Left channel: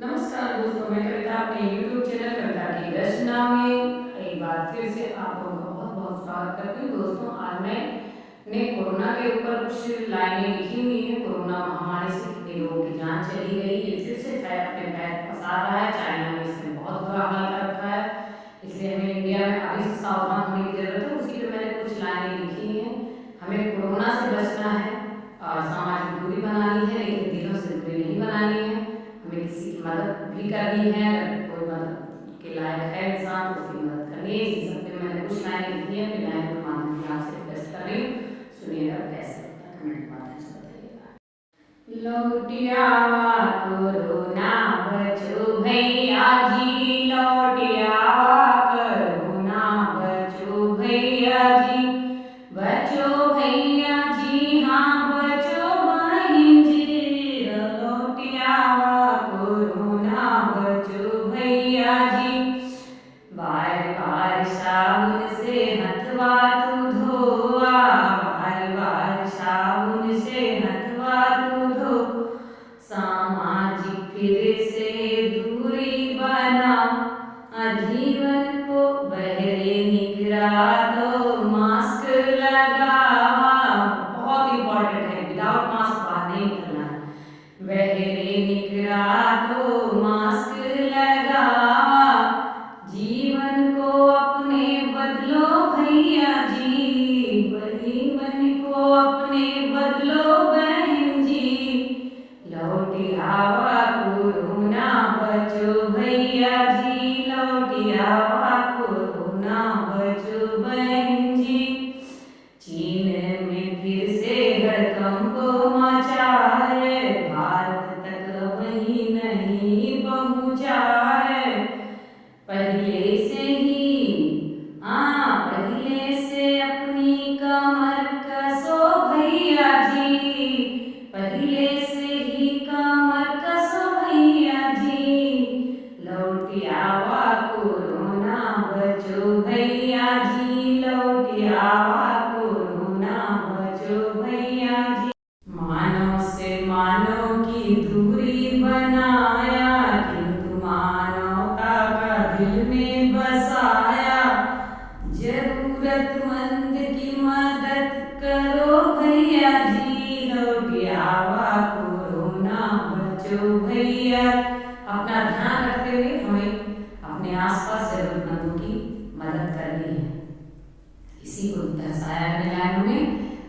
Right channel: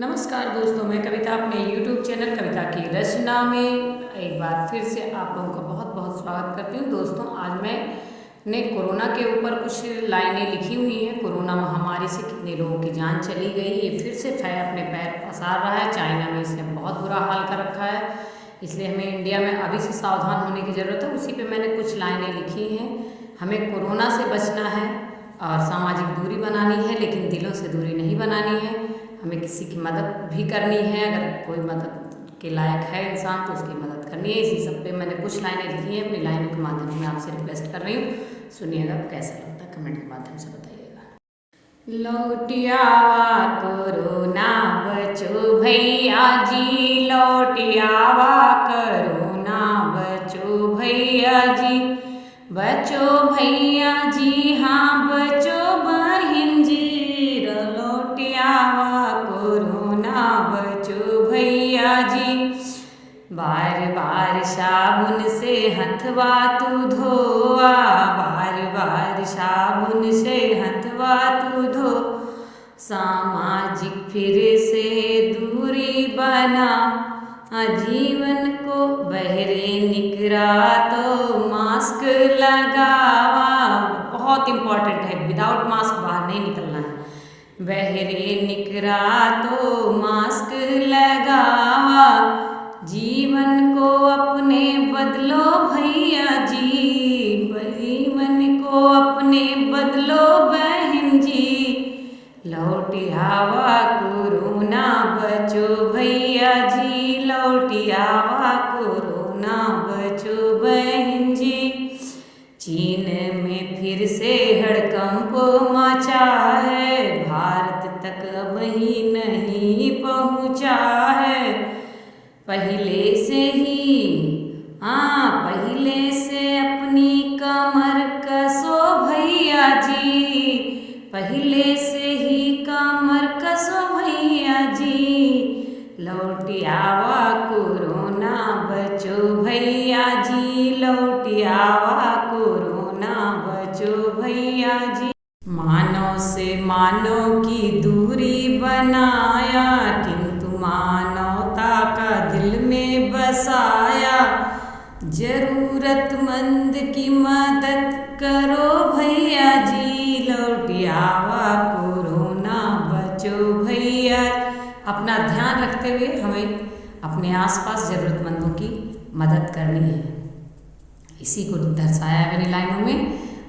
नमस्कार दोस्तों, मैं कविता अपने YouTube चैनल कविता की रचना में एक बार फिर से आप लोगों का बहुत बहुत स्वागत करती हूँ। दोस्तों, आज मैंने कोरोना के ऊपर कुछ लाइनें लिखी हुई हैं। कोरोना महामारी से कितने लोगों की जान चली गई, ये फिर से अपने पैर पसार रहा है। चाइना में इसने बहुत बुरा हाल कर रखा है, इसलिए हमें इंडिया में अभी से सावधान होने की ज़रूरत है। उसी पर मैंने कुछ लाइनें लिखी हैं। हमें कोरोना से बचना है और सामाजिक दूरी बनानी है, लेकिन दिलों से दूरी नहीं बनानी है। हमें किसी की मदद भी करनी है, अगर कोई मदद के लायक है इंसान तो उसकी मदद करनी है। इसी सब पे मैंने कुछ लाइनें लिखी हैं, अपनी लाइनों के माध्यम से मैं आपसे रिक्वेस्ट कर रही हूँ। सुनिएगा, कैसा लगता है कमेंट के माध्यम से बताइएगा। लौटियावा कोरोना बचो भैया जी, लौटियावा कोरोना बचो भैया जी, बचो भैया जी, हाँ बचो बहन जी, लौटियावा कोरोना बचो भैया जी। बार बार साबुन से हथवा तू धोआ, बार बार साबुन से हथवा तू धो, सामाजिक फिर से दूरी बना, जीवन को बहरे निकरा तो मास्क लगावा। बहुत इम्पॉर्टेंट है, विदाउट मास्क बाहर नहीं निकलना है। बहरे निकरा तो मास्क लगावा, जीवन को अपने बदलो भैया जी, जीवन को अपने बदलो बहन जी, लौटियावा कोरोना बचो भैया जी, लौटियावा कोरोना बचो बहन जी। चीन में फिर से हड़कंप मचा है, भारत तक अब ही नहीं पहुँचा है। पहले से अपनी कमर कसो भैया जी, पहले से ही कमर कसो भैया जी, लौटियावा कोरोना बचो भैया जी, लौटियावा कोरोना बचो भैया जी। मानव से मानव की दूरी बनाया, किंतु मानवता का दिल में बसाया, जरूरतमंद की मदद करो भैया जी, लौटियावा कोरोना बचो भैया। अपना ध्यान रखते हुए हमें अपने आसपास ज़रूरतमंदों की मदद करनी है। इसी को दर्शाया है मैंने लाइनों में,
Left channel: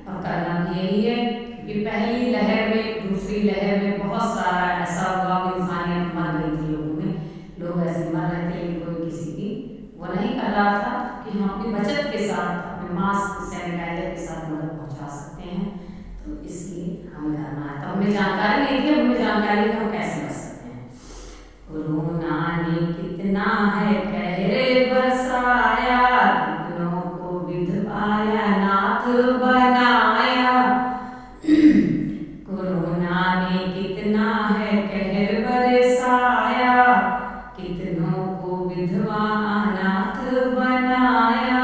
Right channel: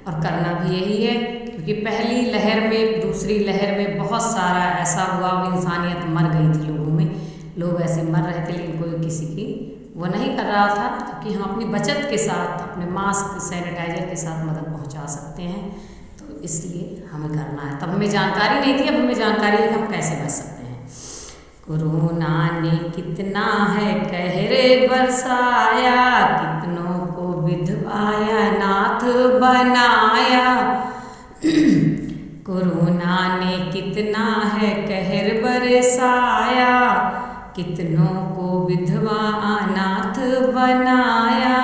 और करना भी यही है, क्योंकि पहली लहर में दूसरी लहर में बहुत सारा ऐसा हुआ, इंसानियत मर गई थी लोगों में, लोग ऐसे मर रहे थे, लेकिन कोई किसी की वो नहीं कर रहा था। कि हम अपनी बचत के साथ, अपने मास्क सैनिटाइजर के साथ मदद पहुंचा सकते हैं, तो इसलिए हमें करना है। तब हमें जानकारी नहीं थी, अब हमें जानकारी है कि हम कैसे बच सकते हैं। कोरोना ने कितना है कहरे बरसाया, कितनों को विधवाया नाथ बनाया, कोरोना ने कितना है कहर बरसाया, कितनों को विधवा अनाथ बनाया,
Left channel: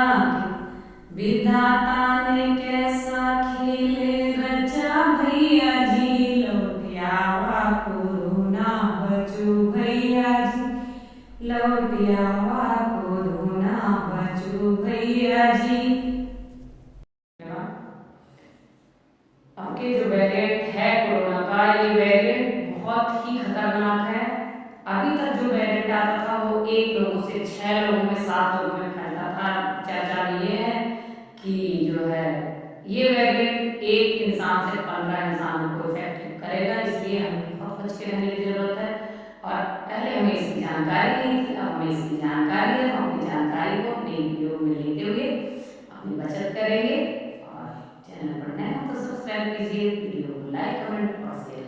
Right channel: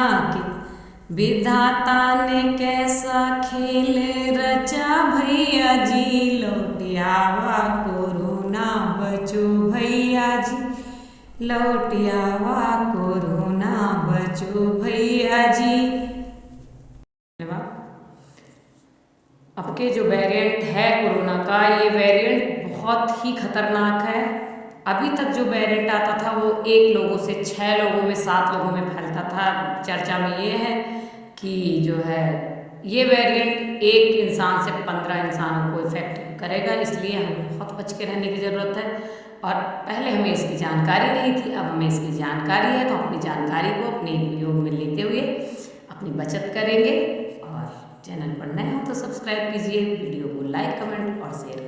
विधाता ने कैसा खेल रचा भैया जी, लौटियावा कोरोना बचो भैया जी, लौटियावा कोरोना बचो भैया जी। अब के जो वेरिएंट है कोरोना का, ये वेरिएंट बहुत ही खतरनाक है। अभी तक जो वेरिएंट आता था वो 1 लोगों से 6 लोगों में, 7 लोगों में फैलता था। चर्चा में ये है कि जो है ये वेरिएंट 1 इंसान से 15 इंसानों को इफेक्ट करेगा, इसलिए हमें बहुत बच के रहने की ज़रूरत है। और पहले हमें इसकी जानकारी नहीं थी, अब हमें इसकी जानकारी है, तो अपनी जानकारी को अपने उपयोग में लेते हुए अपनी बचत करेंगे। और चैनल पर नए हो तो सब्सक्राइब कीजिए, वीडियो को लाइक, कमेंट और शेयर